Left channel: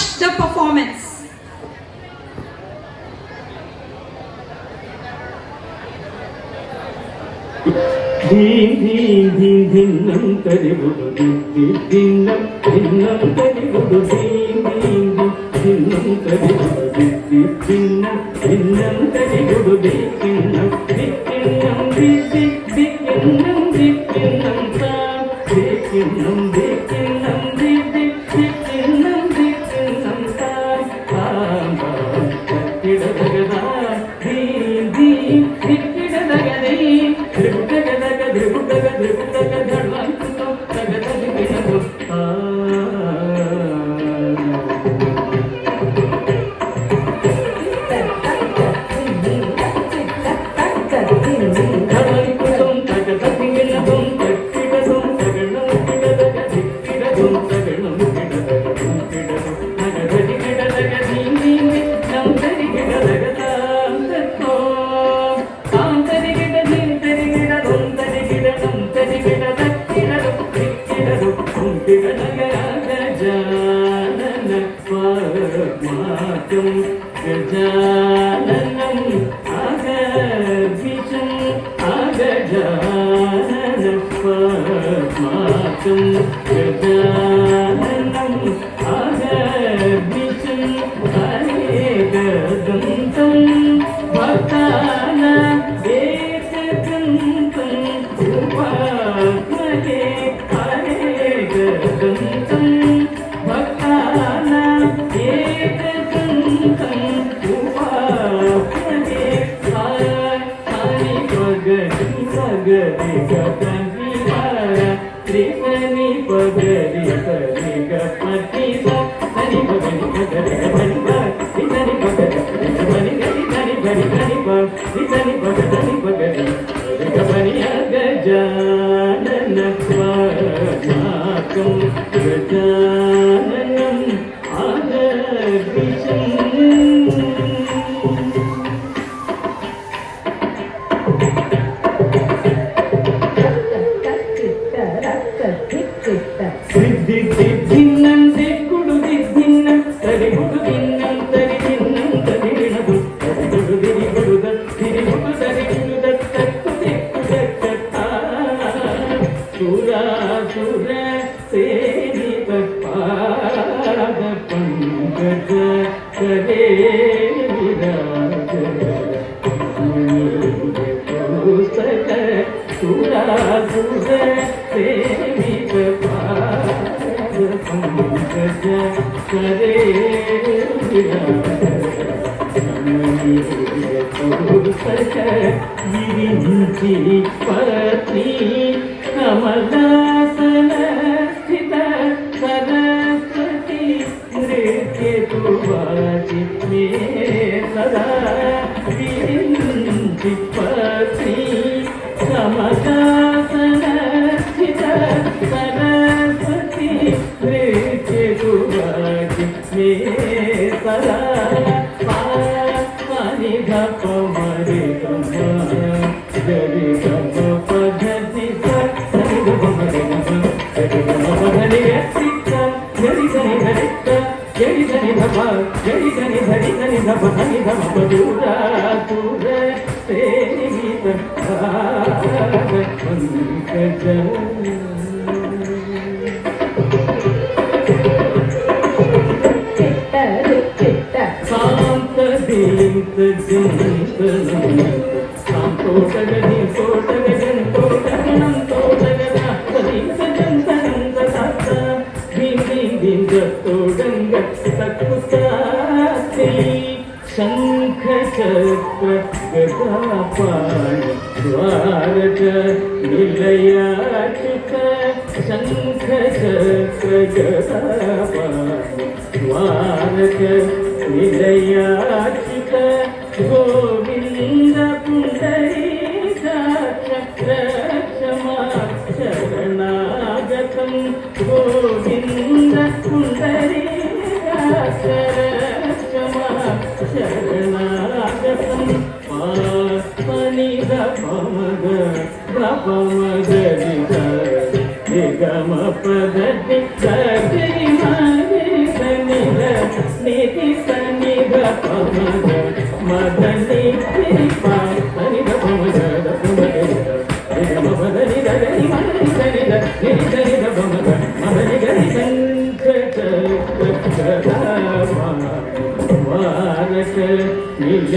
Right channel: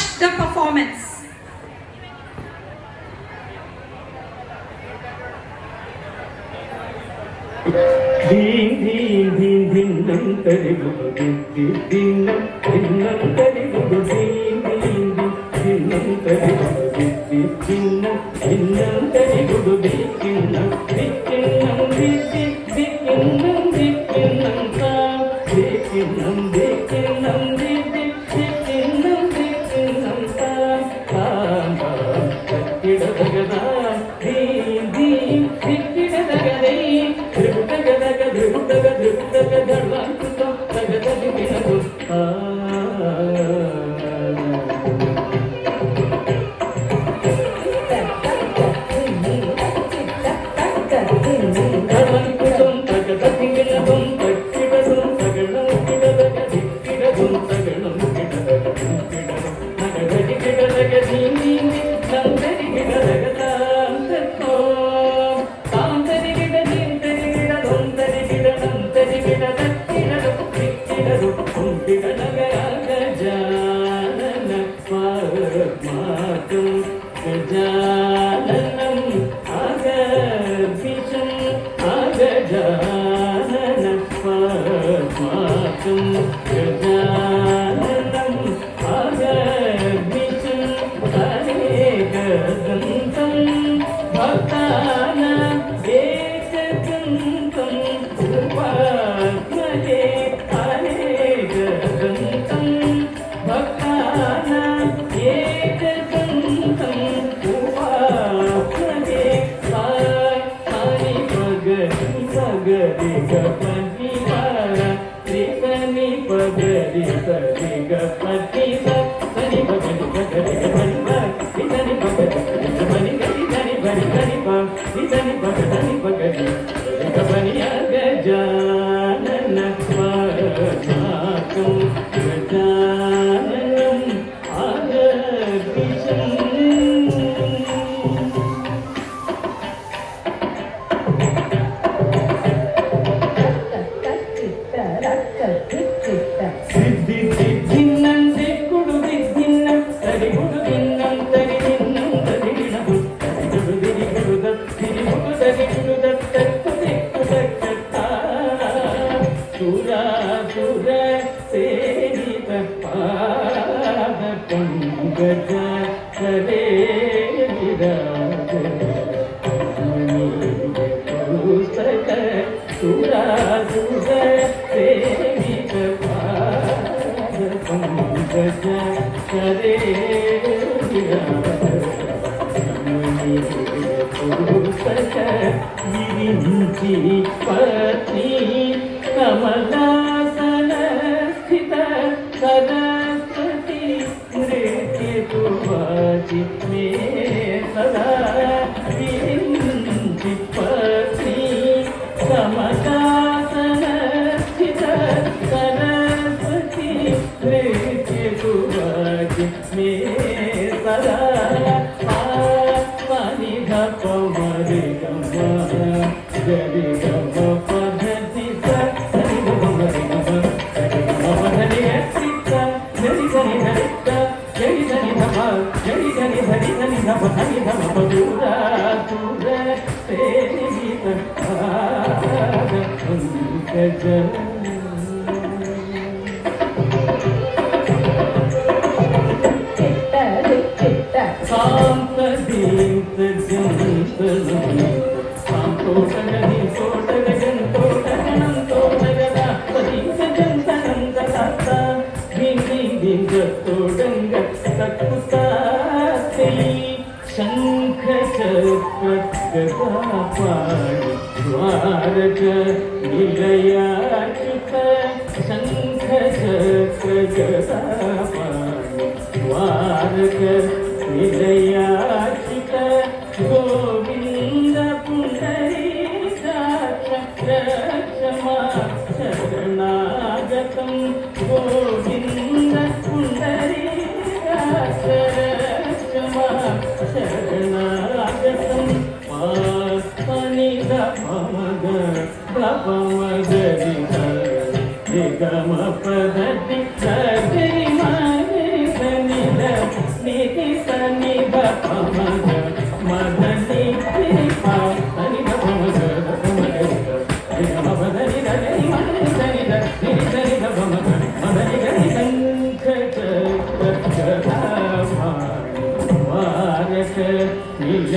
watch the performance. Din din din din nam tari gudu din din nam tari gudu din din din nam tari gudu din nam tari gudu din nam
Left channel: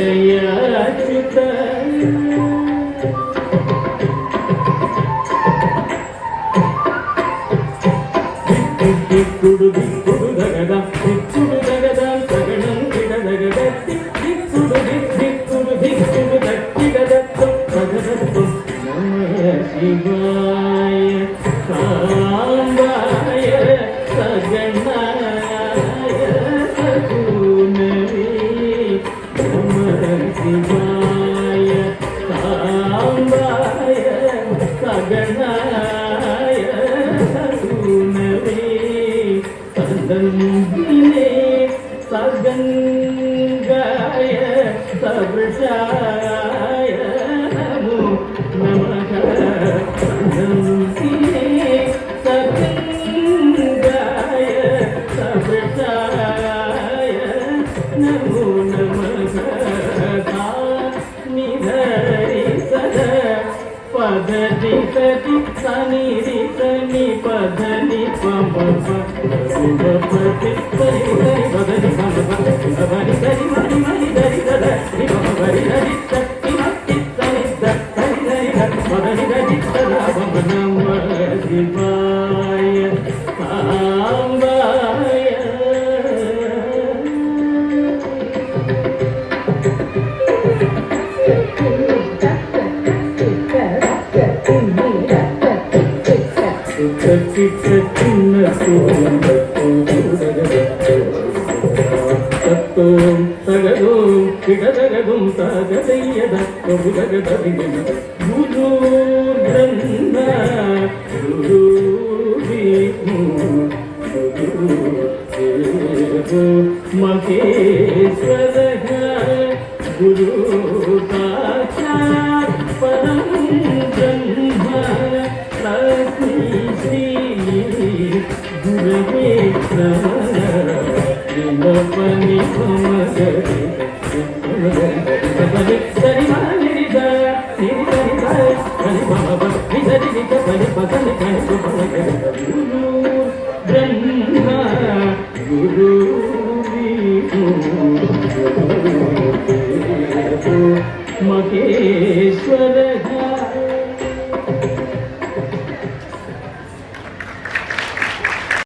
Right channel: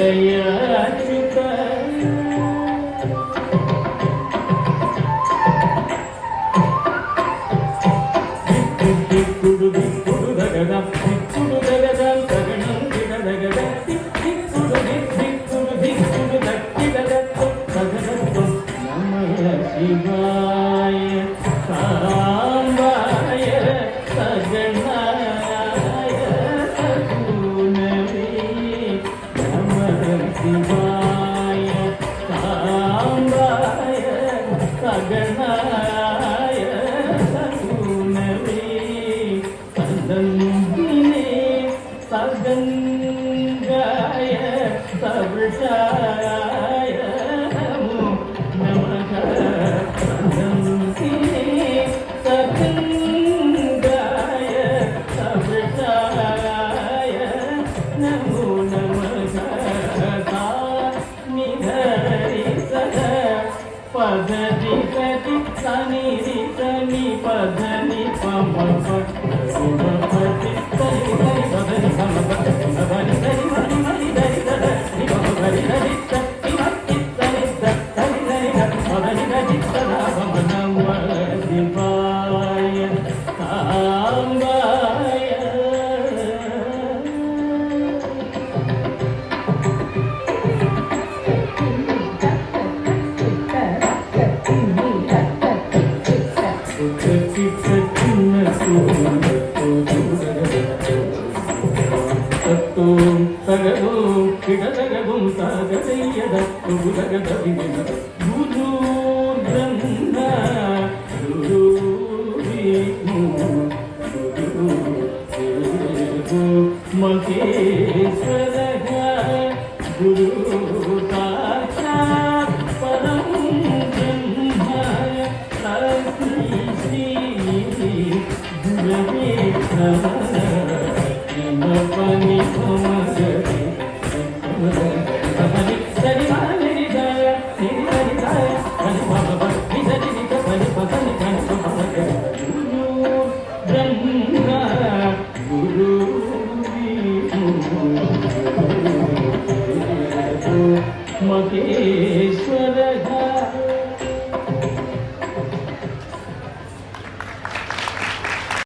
నిలయాచిత దిక్కుడు దిక్కుడు దగద దిక్కుడు దగద సగణం దిగదగద దిక్కుడు దిక్కుడు దిక్కుడు దక్కిదగత్తు దగదత్తు నమః శివాయ సాంబాయ సగణాయ సగుణవే నమః శివాయ సాంబాయ సగణాయ సగుణవే సదంగినే సగంగాయ సవృషాయ నమో నమః సదంగినే సగంగాయ సవృషాయ నమో నమః నిధరి సద పదరి సది సనిరి సని పదని పమ పతి సరి సరి పదని పమ పరి సరి మరి మరి దరి సద ని పమ పరి దరి సతి మతి సరి సరి సరి పదని దరి సద పమ నమః శివాయ సాంబాయ తత్వం సగదో కిడదగదుం సాగదయ్యద ప్రభుదగదవిన గురు బ్రహ్మ గురు విష్ణు గురు దేవో మహేశ్వర గురు సాక్షాత్ పరం బ్రహ్మ శ్రీ గురవే నమః పని సమగరి